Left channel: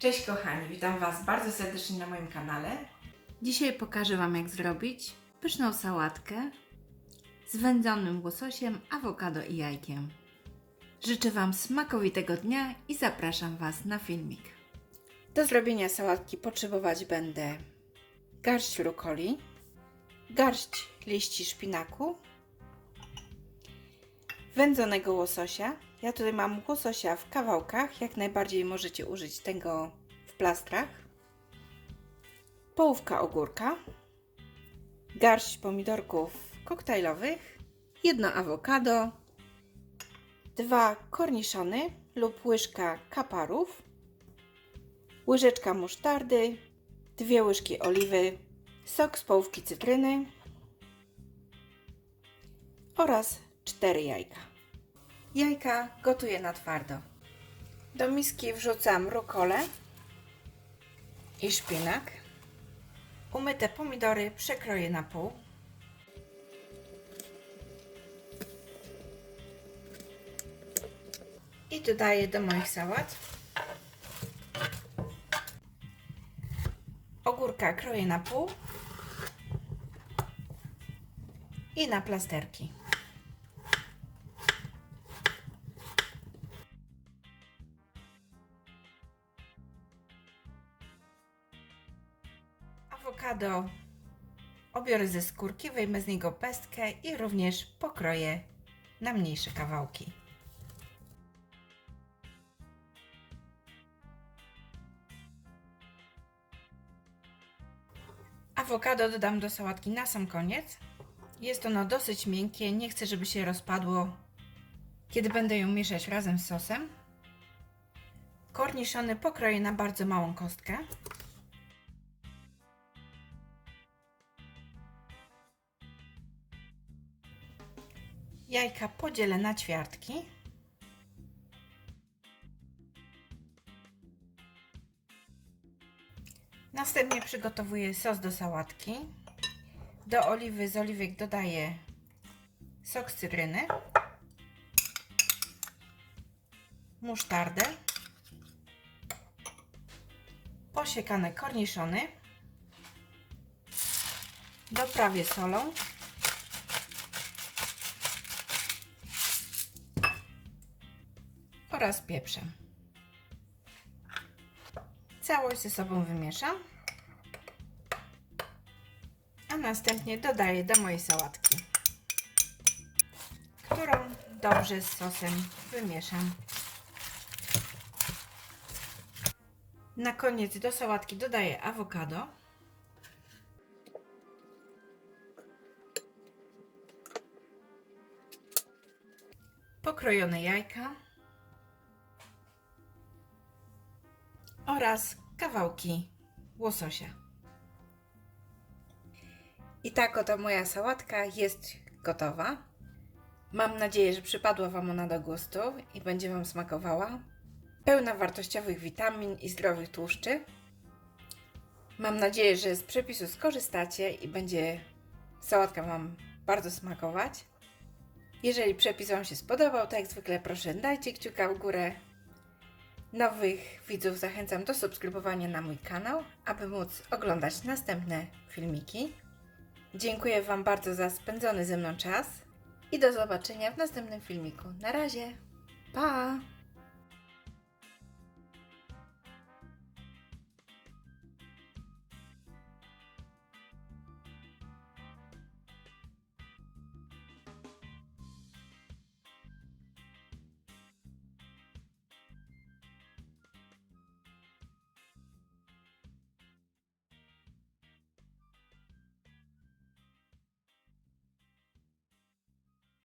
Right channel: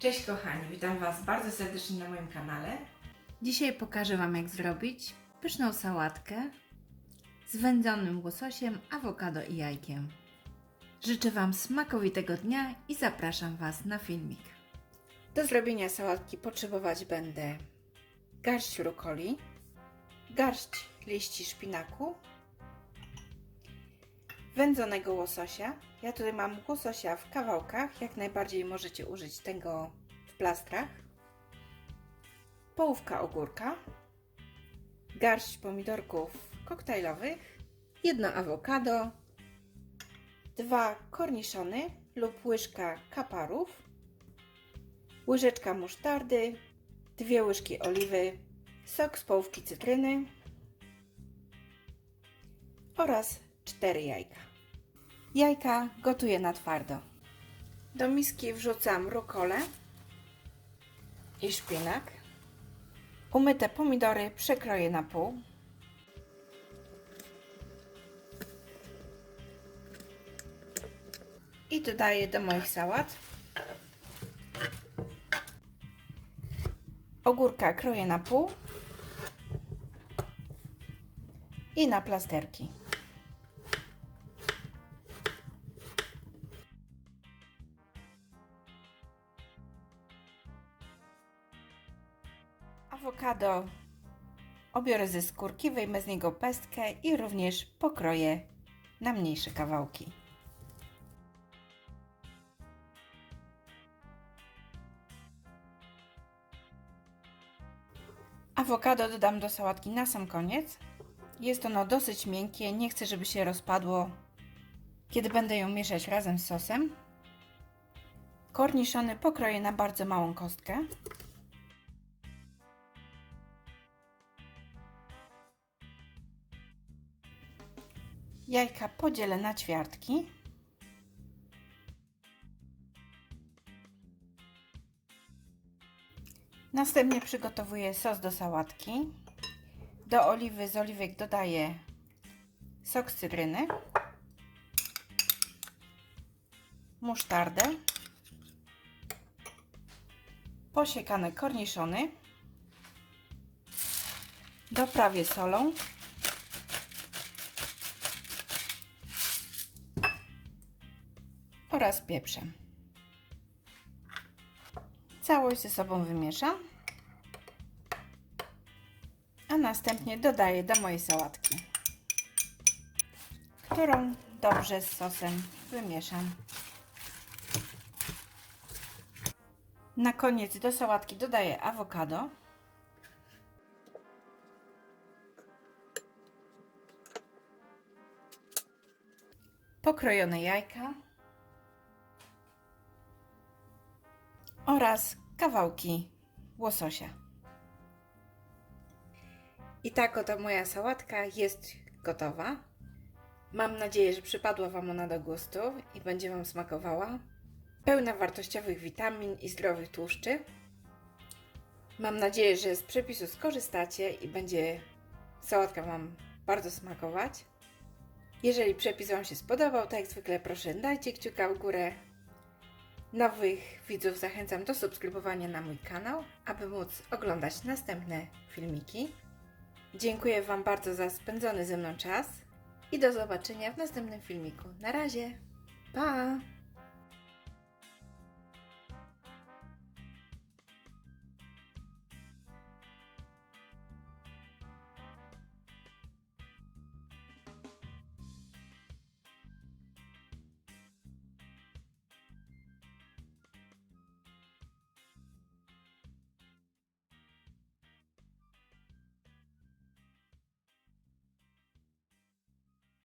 Cześć kochani, witam Was bardzo serdecznie na moim kanale. Dzisiaj pokażę Wam jak zrobić pyszną sałatkę z wędzonym łososiem, awokado i jajkiem. Życzę Wam smakowitego dnia i zapraszam Was na filmik. Do zrobienia sałatki potrzebować będę garść rukoli, garść liści szpinaku, wędzonego łososia. Ja tutaj mam łososia w kawałkach, jak najbardziej możecie użyć tego w plastrach. Połówka ogórka, garść pomidorków koktajlowych, jedno awokado, dwa korniszony lub łyżka kaparów, łyżeczka musztardy, dwie łyżki oliwy, sok z połówki cytryny. Oraz cztery jajka. Jajka gotuję na twardo. Do miski wrzucam rukolę i szpinak. Umyte pomidory przekroję na pół. I dodaję do moich sałat. Ogórka kroję na pół i na plasterki. Awokado obiorę ze skórki, wyjmę z niego pestkę i również pokroję na mniejsze kawałki. Awokado dodam do sałatki na sam koniec. Jest ono dosyć miękkie, nie chcę, żeby się rozpadło, kiedy będę ją mieszać razem z sosem. Korniszony pokroję na bardzo małą kostkę. Jajka podzielę na ćwiartki. Następnie przygotowuję sos do sałatki. Do oliwy z oliwek dodaję sok z cytryny, musztardę, posiekane korniszony, doprawię solą oraz pieprzem. Całość ze sobą wymieszam, a następnie dodaję do mojej sałatki, którą dobrze z sosem wymieszam. Na koniec do sałatki dodaję awokado. Pokrojone jajka. Oraz kawałki łososia. I tak oto moja sałatka jest gotowa. Mam nadzieję, że przypadła Wam ona do gustu i będzie Wam smakowała. Pełna wartościowych witamin i zdrowych tłuszczy. Mam nadzieję, że z przepisu skorzystacie i będzie sałatka Wam bardzo smakować. Jeżeli przepis Wam się spodobał, to jak zwykle proszę dajcie kciuka w górę, Nowych widzów zachęcam do subskrybowania na mój kanał, aby móc oglądać następne filmiki. Dziękuję Wam bardzo za spędzony ze mną czas i do zobaczenia w następnym filmiku. Na razie, pa!